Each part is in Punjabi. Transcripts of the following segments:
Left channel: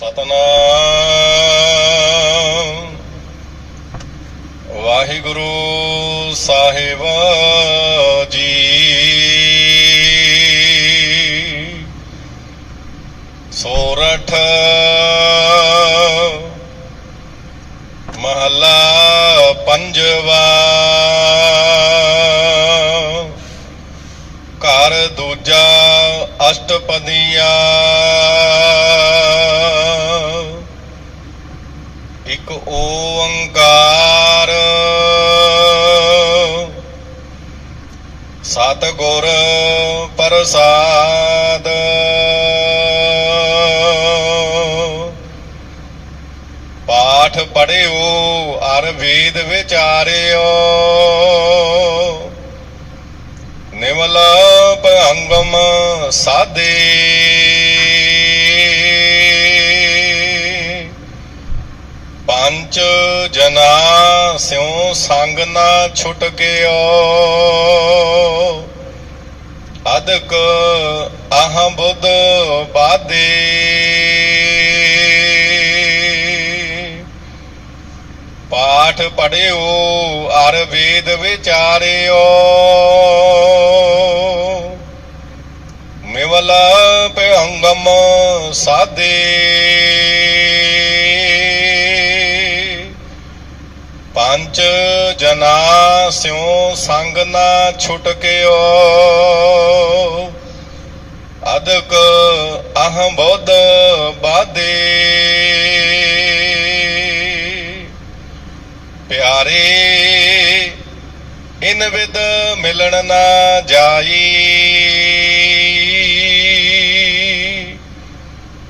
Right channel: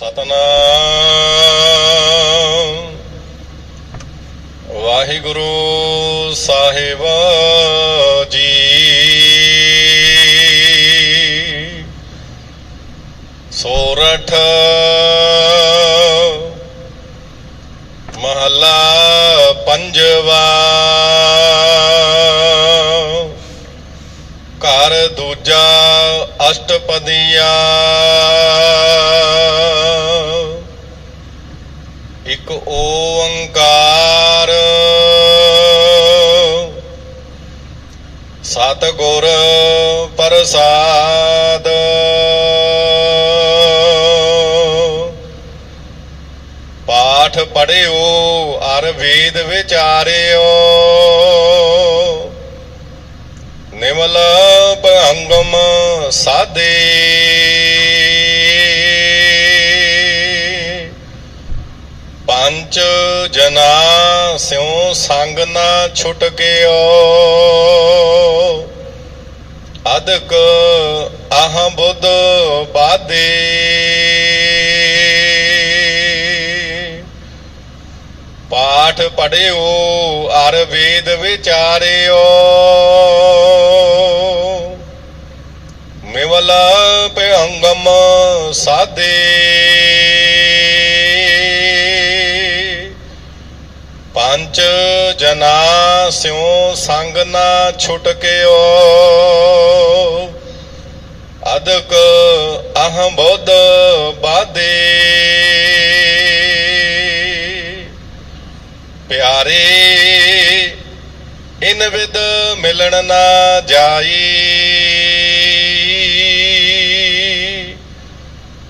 ਸਤਨਾਮ। ਵਾਹਿਗੁਰੂ ਸਾਹਿਬ ਜੀ। ਸੋਰਠ ਮਹਲਾ ਪੰਜਵਾ। ਘਰ ਦੂਜਾ ਅਸ਼ਟਪਦੀਆ। ਇੱਕ ਓੰਕਾਰ। ਸਤਿਗੁਰ ਪ੍ਰਸਾਦ। ਪਾਠ ਪੜਿਓ ਅਰ ਵੇਦ ਵਿਚਾਰਿਓ। ਨਿਮਲ ਭੰਗਮ ਸਾਦੇ। ਸਿਉ ਸੰਗ ਨਾ ਛੁਟਕਿਓ ਅਦਕ ਆਹ ਬੁੱਧ ਬਾਦੇ। ਪਾਠ ਪੜਿਓ ਅਰ ਵੇਦ ਵਿਚਾਰਿਓ। ਮਿਵਲ ਭੰਗਮ ਸਾਦੇ। ਪੰਚ ਜਨਾ ਸਿਉ ਸੰਗ ਨਾ ਛੁਟਕਿਓ ਅਦਕ ਅਹ ਬੁੱਧ ਬਾਦੇ ਪਿਆਰੇ, ਇਨ ਵਿਦ ਮਿਲਣ ਨਾ ਜਾਈ।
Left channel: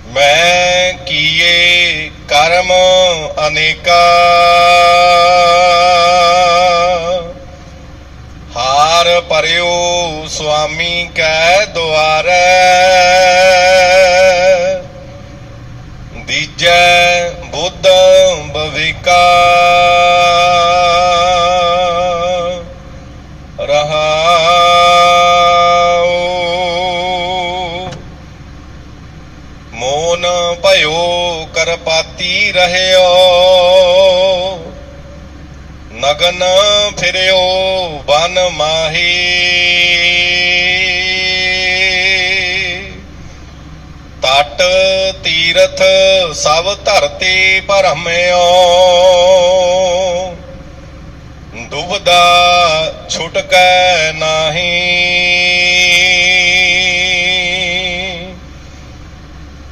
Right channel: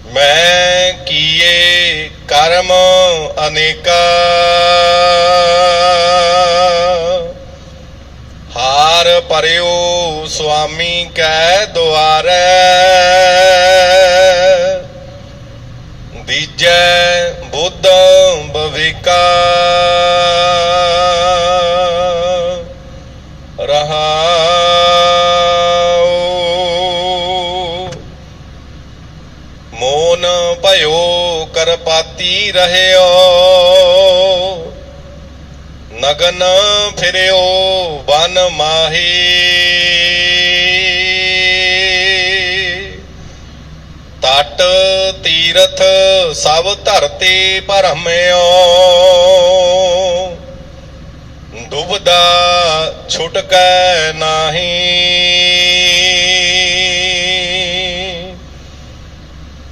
ਮੈਂ ਕੀਏ ਕਰਮ ਅਨੇਕਾ। ਕੈ ਦੁਆਰੈ। ਦੀਜੈ ਬੁੱਧ ਬਵਿਕਾ। ਰਹਾਉ। ਮੋਨ ਭਇਓ ਕਰਪਾਤੀ ਰਹਿਓ। ਨਗਨ ਫਿਰਿਓ ਬਨ ਮਾਹੀ। ਤੀਰਥ ਸਭ ਧਰਤੀ ਭਰਮਿਓ ਦੁਬਦਾ ਛੁਟਕੈ ਨਾਹੀ।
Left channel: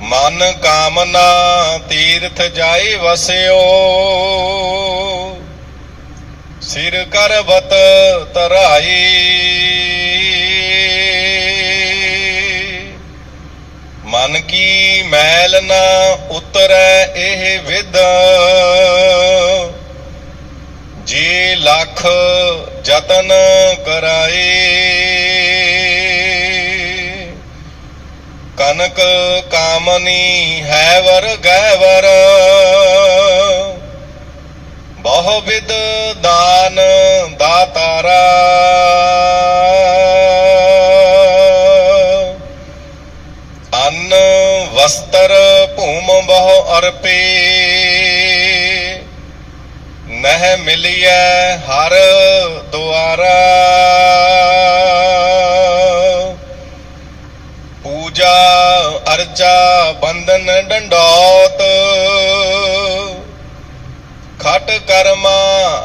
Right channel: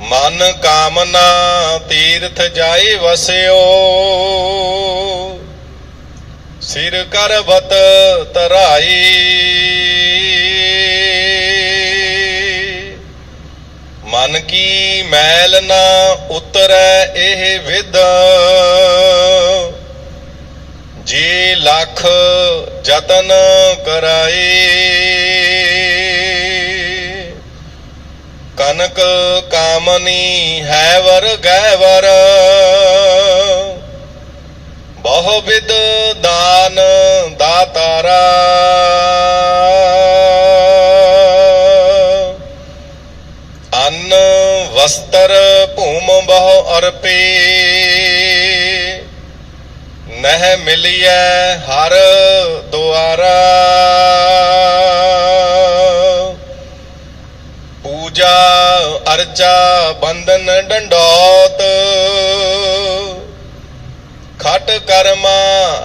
ਮਨ ਕਾਮਨਾ ਤੀਰਥ ਜਾਏ ਵਸਿਓ। ਸਿਰ ਕਰਬਤ ਤਰਾਈ। ਮਨ ਕੀ ਮੈਲ ਨਾ ਉਤਰੈ ਇਹ ਵਿਦ ਜੇ ਲੱਖ ਯਤਨ ਕਰਾਏ। ਕਨਕ ਕਾਮਨੀ ਹੈ ਵਰ ਗੈ ਵਰ ਬਹੁ ਵਿਦ ਦਾਨ ਅਰਪੇ। ਨਹਿ ਮਿਲਿਐ ਹਰ ਦੁਆਰ। ਪੂਜਾ ਅਰਚਾ ਬੰਧਨ ਡੰਡੋਤ। ਖਟ ਕਰਮਾ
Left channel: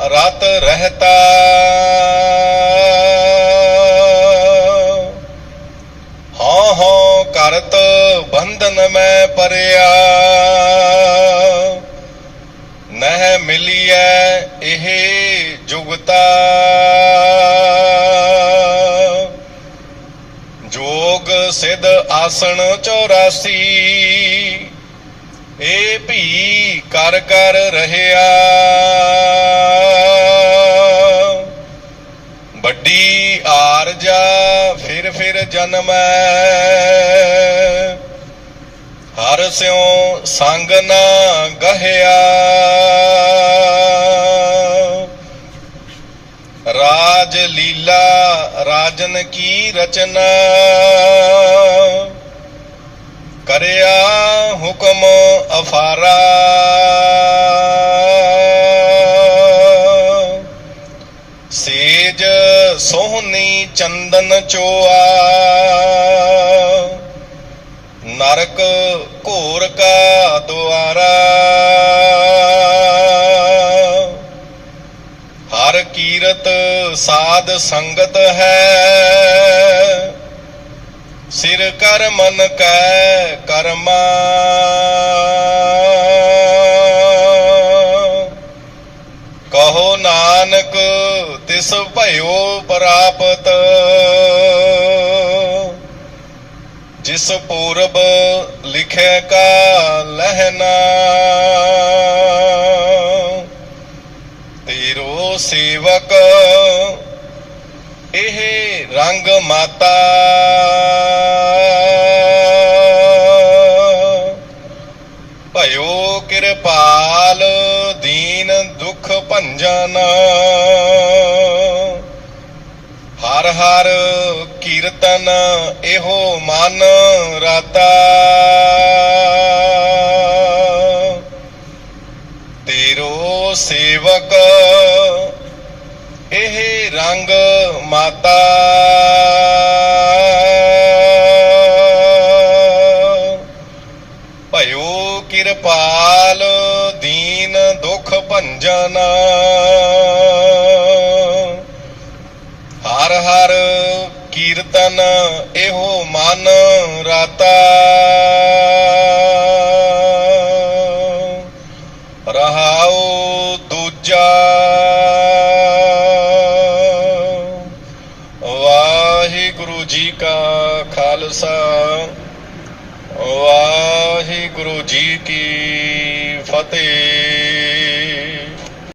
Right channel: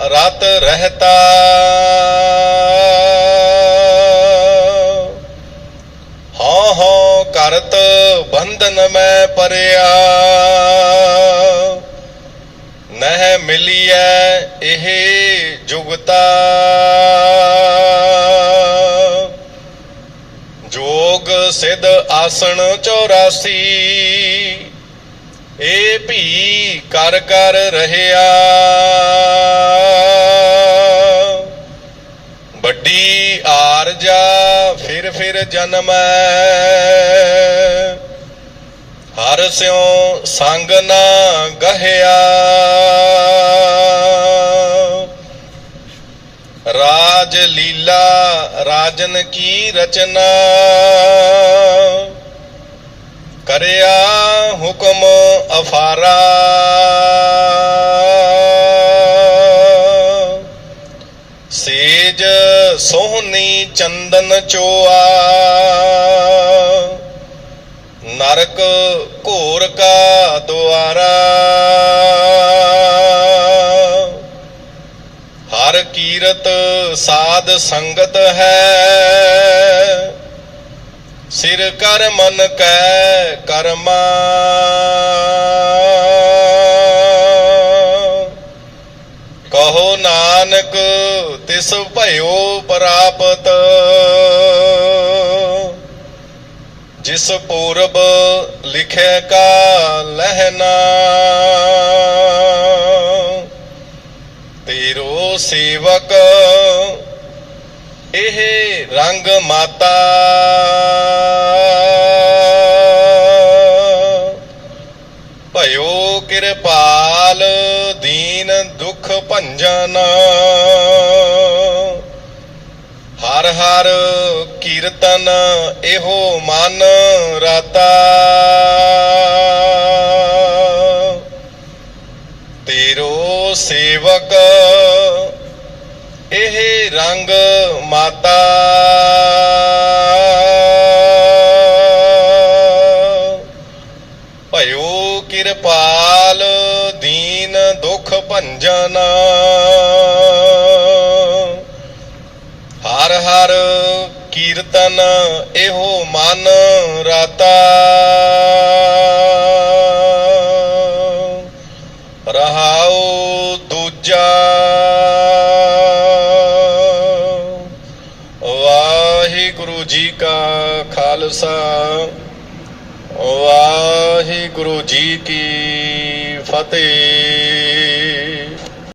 ਰਤ ਰਹਤਾ। ਹਾਂ ਹਾਂ ਕਰਤ ਬੰਧਨ ਮੈਂ ਪਰਿਆ। ਨਹਿ ਮਿਲਿਐ ਇਹ ਜੁਗਤਾ। ਜੋਗ ਸਿਧ ਆਸਣ 84 ਇਹ ਭੀ ਕਰ ਕਰ ਰਹਿਆ। ਵੱਡੀ ਆਰਜਾ ਫਿਰ ਫਿਰ ਜਨਮੈ ਹਰ ਸਿਉ ਸੰਗ ਨਾ ਗਹਿਆ। ਰਾਜ ਲੀਲਾ ਰਾਜਨ ਕੀ ਰਚਨਾ। ਕਰਿਆ ਹੁਕਮ ਅਫਾਰਾ। ਸੇਜ ਸੋਹਣੀ ਚੰਦਨ ਚੋਆ। ਨਰਕ ਘੋਰ ਕਾ ਦੁਆਰਾ। ਹਰ ਕੀਰਤ ਸਾਧ ਸੰਗਤ ਹੈ। ਸਿਰ ਕਰ ਮਨ ਕੈ ਕਰਮਾ। ਕਹੋ ਨਾਨਕ ਤਿਸ ਭਇਓ ਪ੍ਰਾਪਤ। ਜਿਸ ਪੂਰਬ ਲਿਖੇ ਕਾ ਲਹਿਣਾ ਤੇਰੋ ਸੇਵਕ, ਇਹ ਰੰਗ ਮਾਤਾ। ਭਇਓ ਕਿਰਪਾਲ ਹਰ ਕੀਰਤਨ ਇਹੋ ਮਨ ਰਾਤਾ। ਤੇਰੋ ਸੇਵਕ ਇਹ ਰੰਗ ਮਾਤਾ। ਹਰ ਹਰ ਕੀਰਤਨ ਇਹੋ ਮਨ ਰਾਤਾ। ਰਹਾਉ ਦੂਜਾ। ਵਾਹਿਗੁਰੂ ਜੀ ਕਾ ਖਾਲਸਾ। ਵਾਹਿਗੁਰੂ ਜੀ ਕੀ ਫਤਿਹ।